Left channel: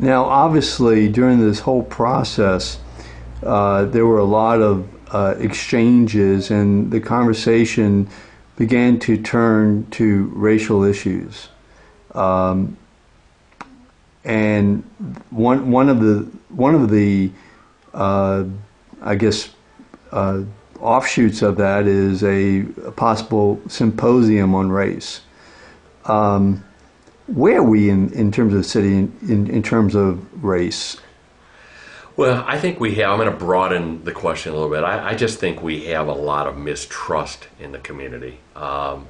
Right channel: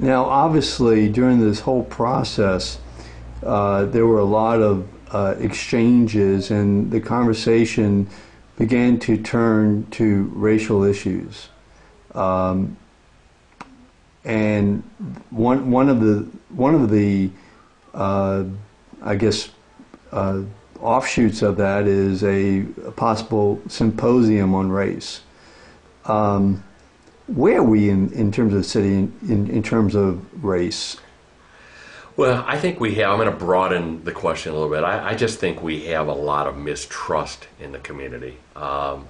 Now, obviously, during this whole process, there were a lot of exchanges, and the conversation began to turn to racial issues. And one of the I guess offshoots of that is a possible symposium on race. Where are we in terms of the city in terms of race? Well, I think we have, I'm going to broaden the question a little bit. I just think we have a lot of mistrust in the community,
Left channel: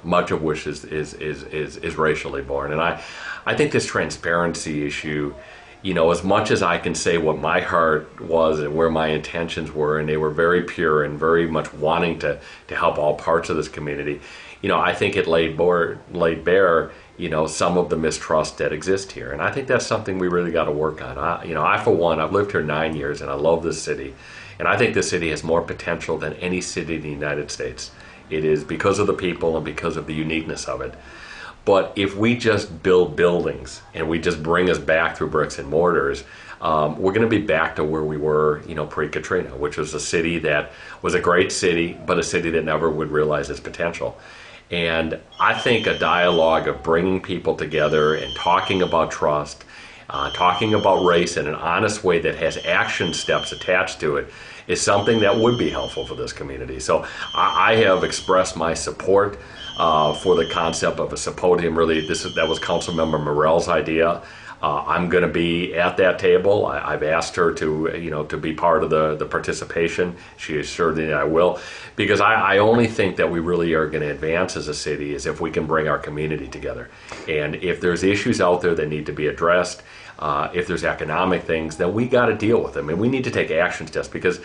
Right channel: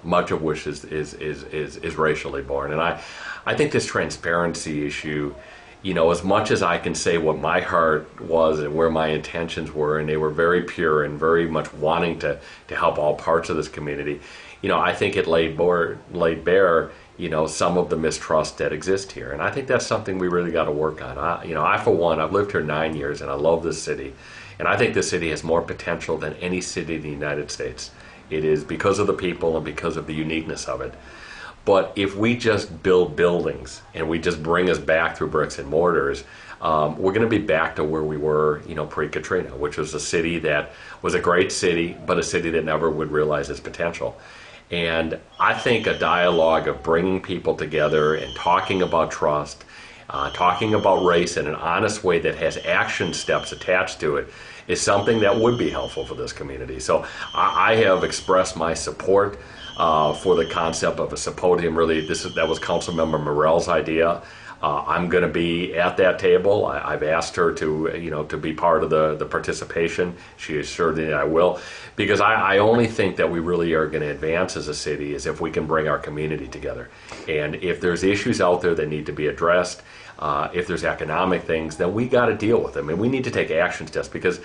much of which is racially born. And I think this transparency issue, you know, as much as I can say what my heart was and where my intentions were, and they were very pure and very much wanting to help all parts of this community, you know, I think it laid bare, you know, some of the mistrust that exists here. And I think that's something we really got to work on. I, for one, I've lived here 9 years and I love this city. And I think this city has more potential than any city in the United States. It is because of the people and because of the uniqueness of it. But if we just build buildings and we just bring us back through bricks and mortars, we're going to be back to where we were, you know, pre-Katrina, which was a city that was a great city, but a city that never would realize its potential. And I think a dialogue of bringing people together and talking about trust, talking about race in an honest way that has action steps attached to it is something that would be helpful for this community. So I have expressed my support for the concept of a symposium. Really, that was Councilmember Morell's idea. I'm going to be at that table. I've asked her to, you know, to be part of the participation. She assured me that I will, because I only think that we really are going to advance as a city is if we can bring our community together. And if there's issues out there that need to be addressed, if there's economic things, then we got to deal with them, and we need to take action steps because,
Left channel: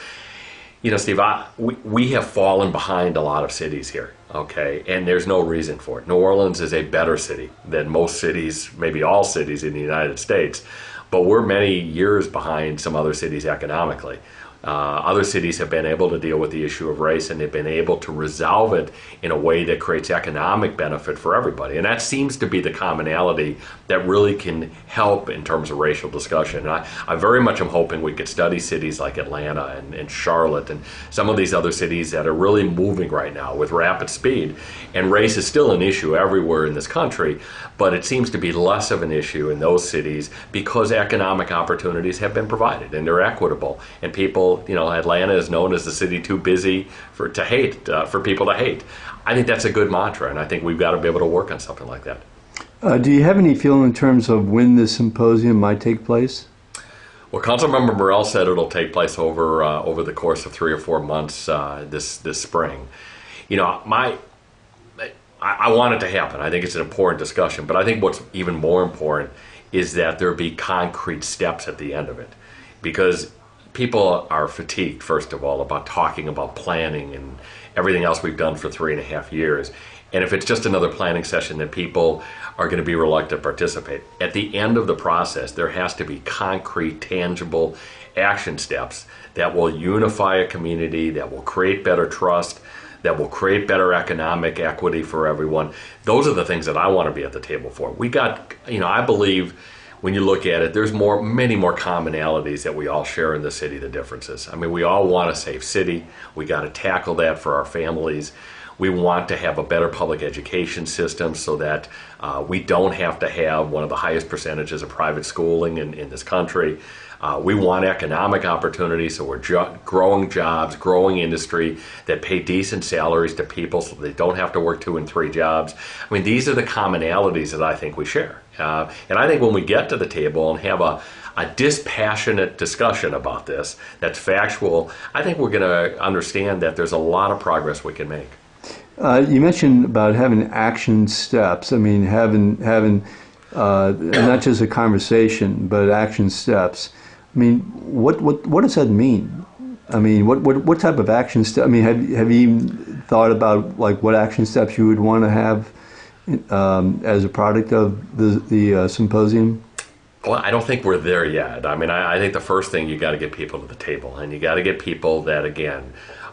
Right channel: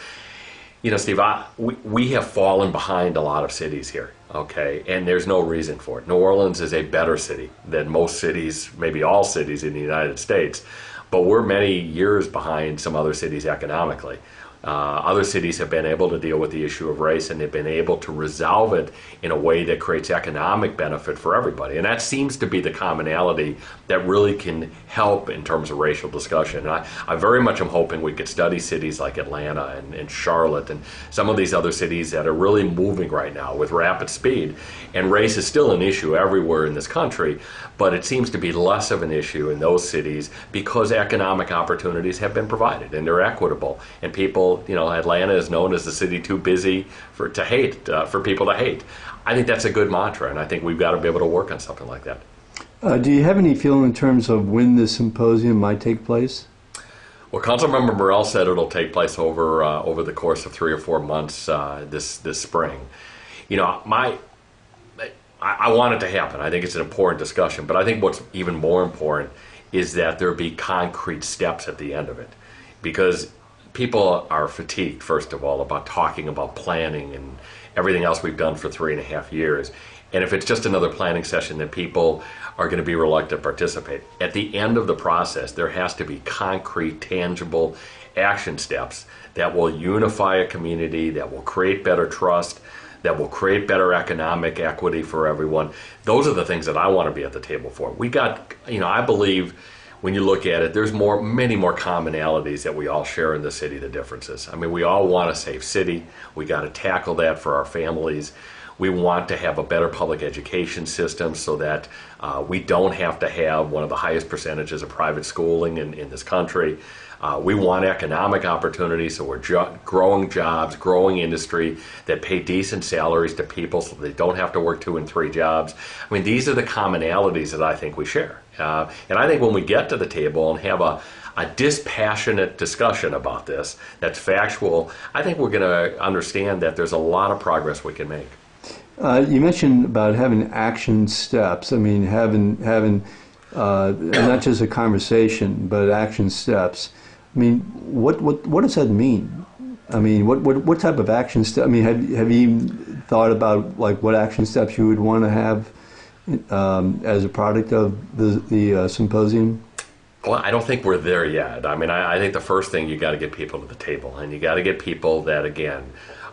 you know, Steve, we have fallen behind a lot of cities here, okay, and there's no reason for it. New Orleans is a better city than most cities, maybe all cities in the United States, but we're many years behind some other cities economically. Other cities have been able to deal with the issue of race, and they've been able to resolve it in a way that creates economic benefit for everybody. And that seems to be the commonality that really can help in terms of racial discussion. And I very much am hoping we could study cities like Atlanta and Charlotte and some of these other cities that are really moving right now with rapid speed. And race is still an issue everywhere in this country, but it seems to be less of an issue in those cities because economic opportunities have been provided and they're equitable. And people, you know, Atlanta is known as the city too busy for people to hate. I think that's a good mantra, and I think we've got to be able to work on something like that. Do you have any feeling in terms of when this symposium might take place? Well, Councilmember Morell said it'll take place over the course of 3 or 4 months this spring. You know, I want it to happen. I think it's an important discussion, but I think what's even more important is that there be concrete steps at the end of it, because people are fatigued, first of all, about talking about planning and everything else we've done for 3.5 years. And if it's just another planning session, then people are going to be reluctant to participate. At the end of the process, there has to be concrete, tangible action steps that will unify a community, that will create better trust, that will create better economic equity for everyone. Those are the things that I want to be at the table for. We got, you know, I believe when you look at it, there's many more commonalities that we all share in the city than differences. I mean, we all want a safe city. We got to tackle that for our families. We want to have a better public education system so that we don't have to have one of the highest percentages of private schooling in this country. We want economic opportunities, so we're growing jobs, growing industry that pay decent salaries to people so they don't have to work 2 and 3 jobs. I mean, these are the commonalities that I think we share. And I think when we get to the table and have a dispassionate discussion about this that's factual, I think we're going to understand that there's a lot of progress we can make. You mentioned about having action steps. I mean, having not just a conversation, but action steps. I mean, what does that mean? I mean, what type of action step? I mean, have you thought about like what action steps you would want to have as a product of the symposium? Well, I don't think we're there yet. I mean, I think the first thing, you got to get people to the table, and you got to get people that, again,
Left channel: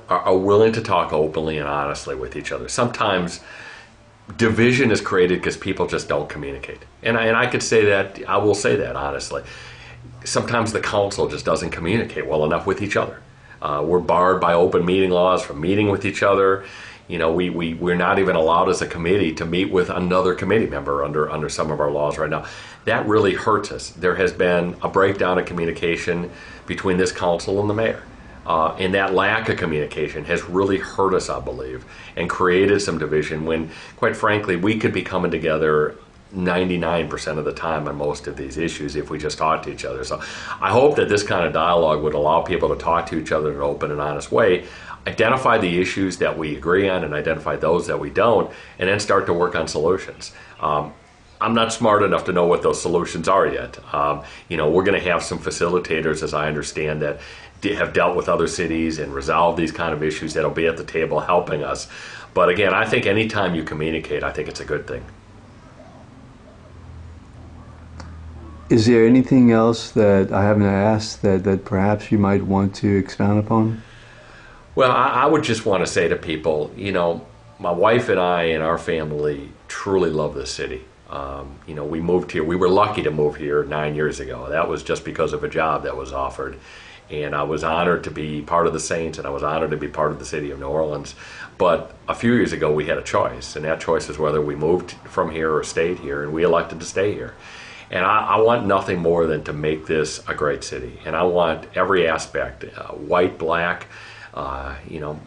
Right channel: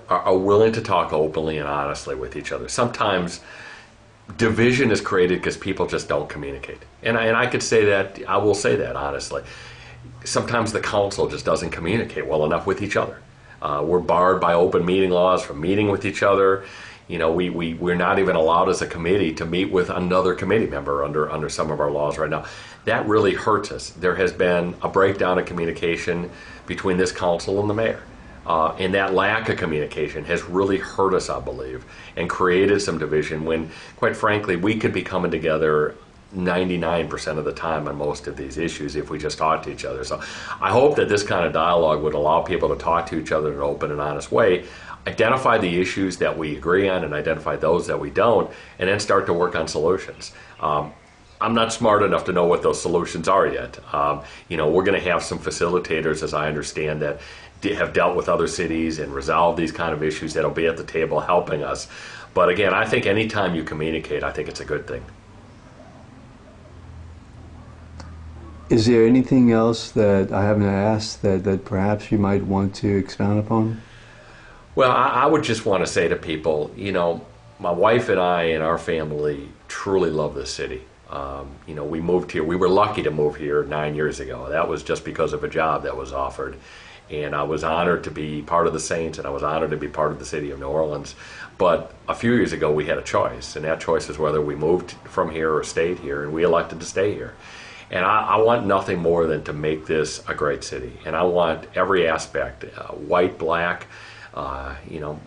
are willing to talk openly and honestly with each other. Sometimes division is created because people just don't communicate. And I could say that, I will say that honestly. sometimes the council just doesn't communicate well enough with each other. We're barred by open meeting laws from meeting with each other. You know, we're not even allowed as a committee to meet with another committee member under some of our laws right now. That really hurts us. There has been a breakdown of communication between this council and the mayor. And that lack of communication has really hurt us, I believe, and created some division when, quite frankly, we could be coming together 99% of the time on most of these issues if we just talk to each other. So I hope that this kind of dialogue would allow people to talk to each other in an open and honest way, identify the issues that we agree on and identify those that we don't, and then start to work on solutions. I'm not smart enough to know what those solutions are yet. You know, we're going to have some facilitators, as I understand, that have dealt with other cities and resolved these kind of issues that'll be at the table helping us. But again, I think anytime you communicate, I think it's a good thing. Is there anything else that I haven't asked that perhaps you might want to expound upon? Well, I would just want to say to people, you know, my wife and I and our family truly love this city. You know, we moved here. We were lucky to move here 9 years ago. That was just because of a job that was offered. And I was honored to be part of the Saints, and I was honored to be part of the city of New Orleans. But a few years ago, we had a choice, and that choice was whether we moved from here or stayed here, and we elected to stay here. And I want nothing more than to make this a great city. And I want every aspect, white, black, you know,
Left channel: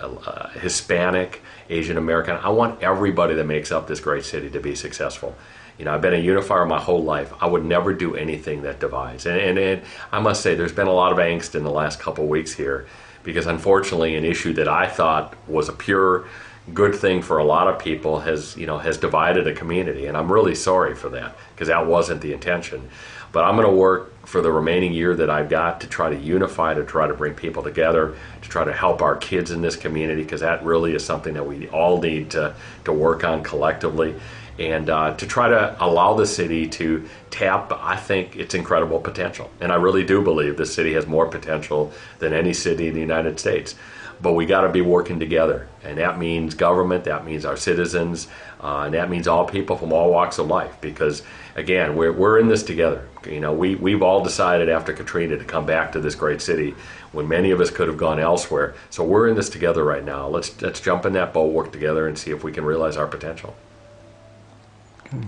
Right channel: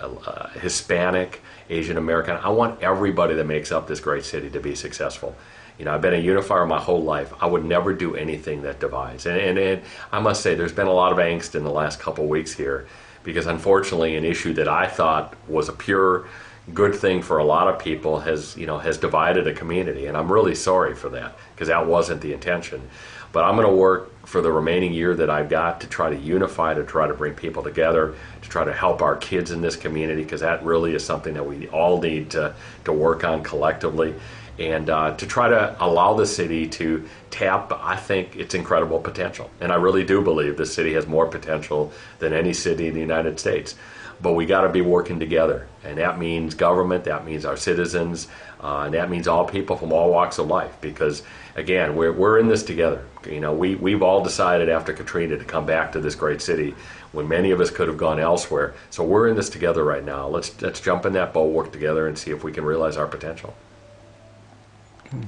Hispanic, Asian American. I want everybody that makes up this great city to be successful. You know, I've been a unifier my whole life. I would never do anything that divides. And I must say, there's been a lot of angst in the last couple of weeks here because, unfortunately, an issue that I thought was a pure good thing for a lot of people has divided a community. And I'm really sorry for that because that wasn't the intention. But I'm going to work for the remaining year that I've got to try to unify, to try to bring people together, to try to help our kids in this community, because that really is something that we all need to work on collectively, and to try to allow the city to tap, I think, its incredible potential. And I really do believe this city has more potential than any city in the United States. But we got to be working together, and that means government, that means our citizens, and that means all people from all walks of life. Because again, we're in this together. You know, we've all decided after Katrina to come back to this great city when many of us could have gone elsewhere. So we're in this together right now. Let's jump in that boat, work together, and see if we can realize our potential. Okay.